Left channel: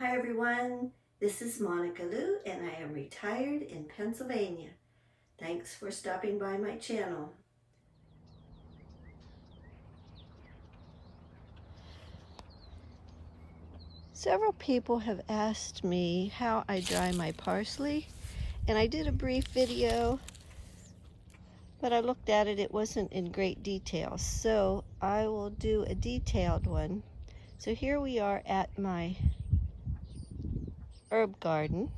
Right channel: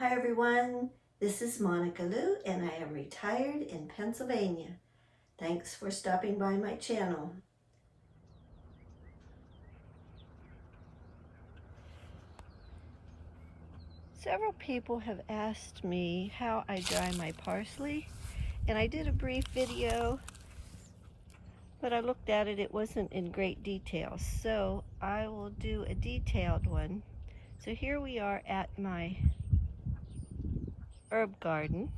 Hi everyone, this is Monica Lou and I am retired in Pennsylvania. Thanks for stopping by my channel. Several people have asked me how I dry my parsley, and I did a brief video, but I looked at it, it wasn't in great detail, so I will do a detailed one. So here we are at my herb garden.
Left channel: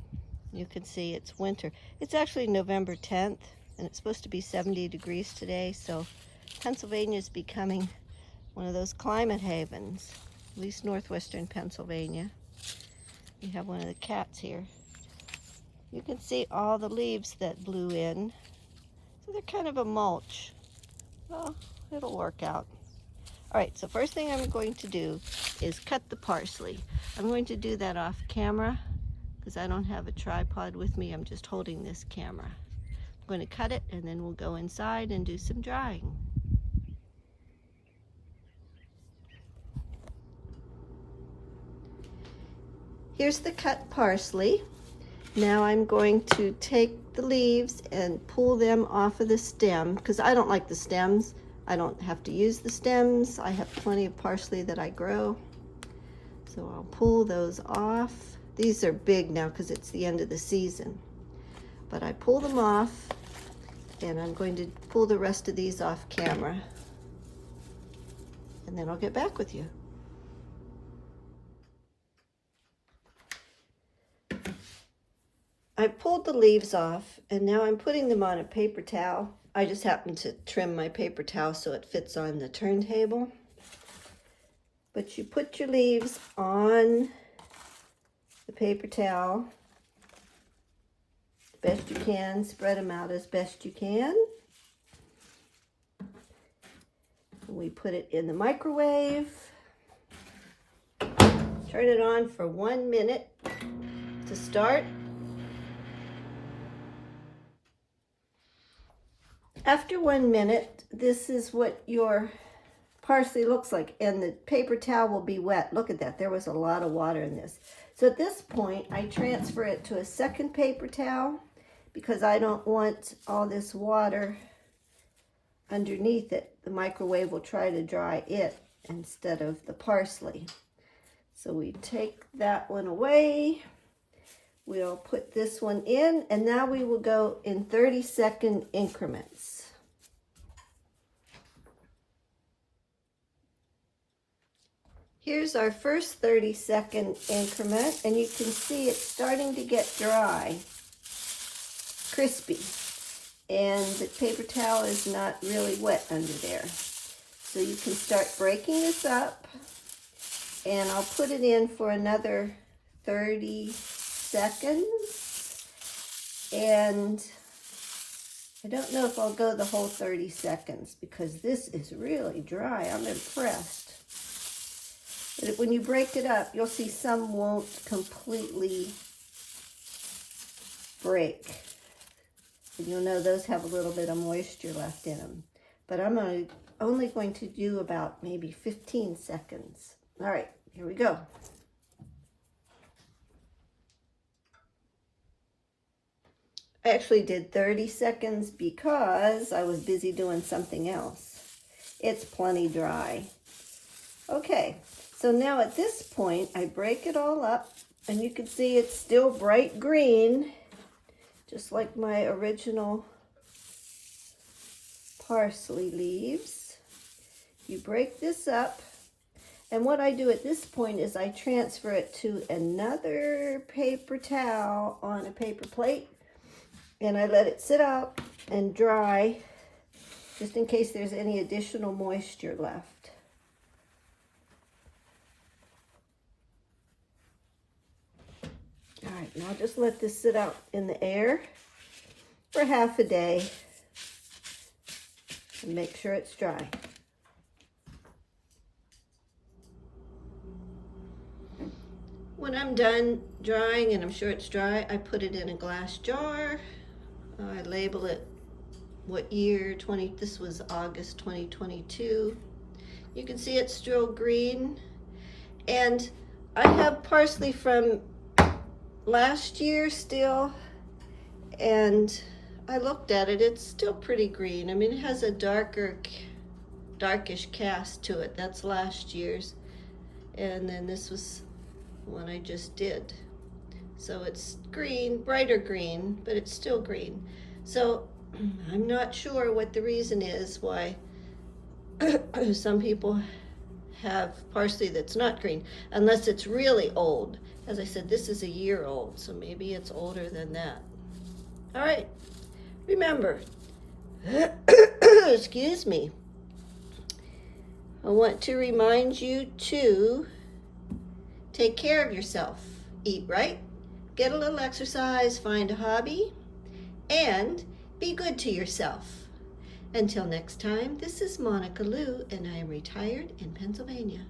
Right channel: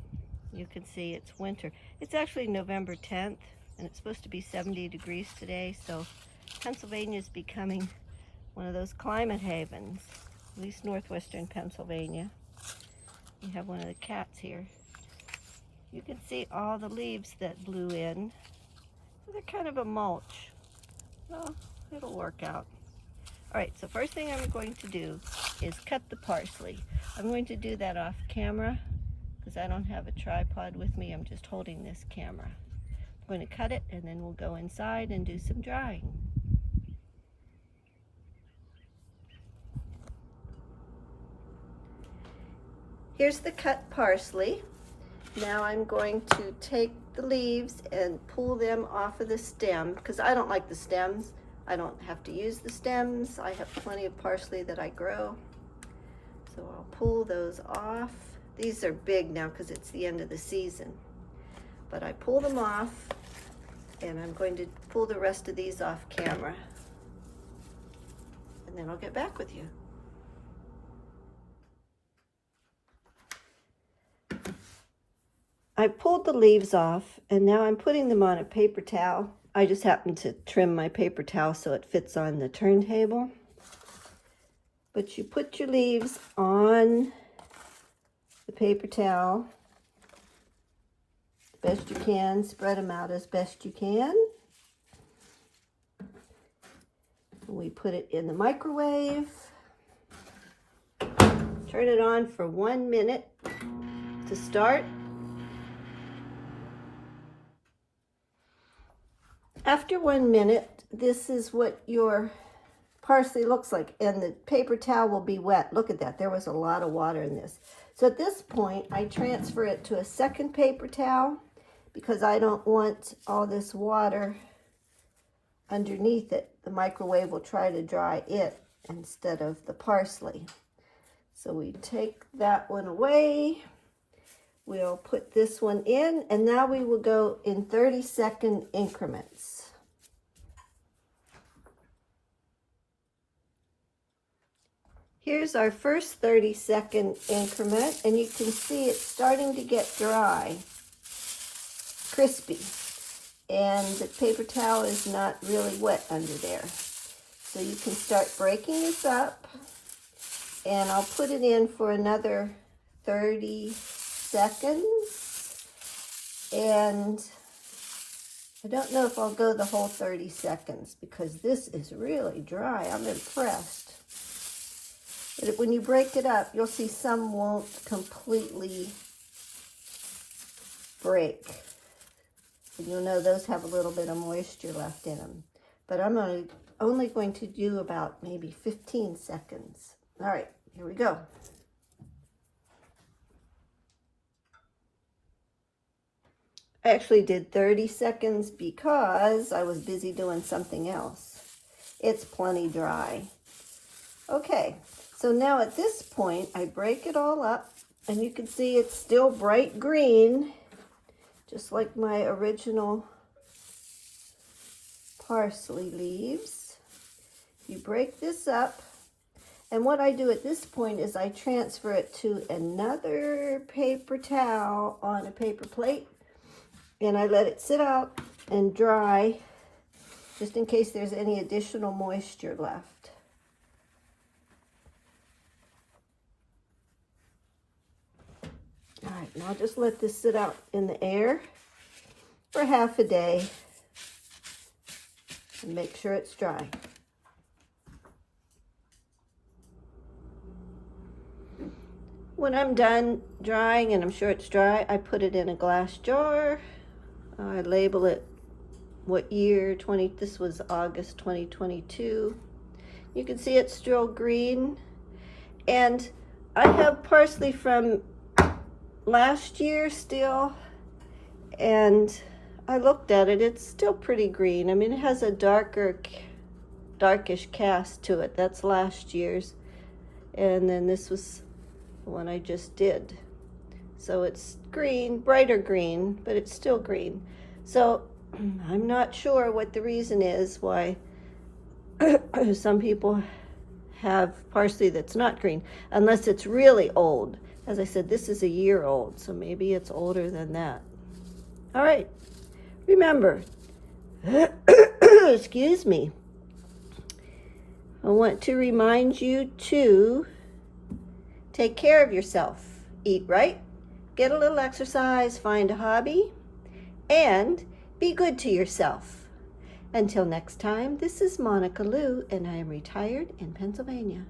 You can see it's winter. It's actually November 10th, and it's supposed to be 70 degrees today, so Pennsylvania is becoming one of those climate havens, at least northwestern Pennsylvania. We have one of the cats here. You can see all the leaves that blew in, so they're kind of a mulch. Well, it'll work out. All right, so first thing I'm going to do is cut the parsley. I'm going to do that off camera because I don't have a tripod with me. I'm just holding this camera. I'm going to cut it and then we'll go inside and do some drying. Here's the cut parsley. Now I'm going to take the leaves and pull them off of the stem because I don't like the stems. I don't have to use the stems. I have plenty of parsley that I grow. So I'll pull those off. These are big now because it's the end of the season. But I pull them off and I'm going to pull the rest of these off camera. And then I'll get back with you. I pulled the leaves off and now I'm putting them on a paper towel. I just happened to trim my paper towel so it fits on the turntable. But you put your leaves on the paper towel the best you can, spread them out as best you can. We put it in the microwave. Turn it on for 1 minute to start. After 1 minute, this is what your parsley looks like, and the paper towel will be wet. Look at that, there was a lot of water in this. So at this point, I transfer it to a second paper towel because I don't want all this water underneath it. The microwave will try to dry it instead of the parsley. So we take that one away. We'll put this one in, and now we will go in 30-second increments. Here's our first 30-second increment, and you can see it's starting to get dry, crispy, and the paper towel is not really wet under there. So you can start breaking this up, and I'll put it in for another 30 seconds, and I don't know if I'll go the whole 30 seconds because this is really dry. I'm impressed. But when you break it up, you'll see some won't completely break. And you'll know those have a little bit of moisture left in them. But I'm only going to do about maybe 15 seconds. All right, here we go. I actually did 30 seconds because I was busy doing something else. It's plenty dry. Okay, so now at this point, I break it all up, and you can see it's still bright green, just like my original parsley leaves. You break this up, and what I do at this point is I transfer it to another paper towel on a paper plate, and I let it sit out and dry just in case there's any additional moisture left. All right, now just let this sit out in the air for half a day and make sure it's dry. When I'm done drying and I'm sure it's dry, I put it in a glass jar. I label it what year, this was August 2022. You can see it's still green, and I have parsley from last year still, and I looked at it. It's still pretty green. I mean, it has a darkish cast to it. That's last year's. And then this was the one I just did. So it's green, brighter green, but it's still green. So I'm not sure what the reason is why some people have parsley that's not green, unless it's really old. As I said, this is a year old, so maybe it's older than that. All right, remember, excuse me, I want to remind you to take care of yourself. Eat right, get a little exercise, find a hobby, and be good to yourself. Until next time, this is Monica Lou, and I am retired in Pennsylvania.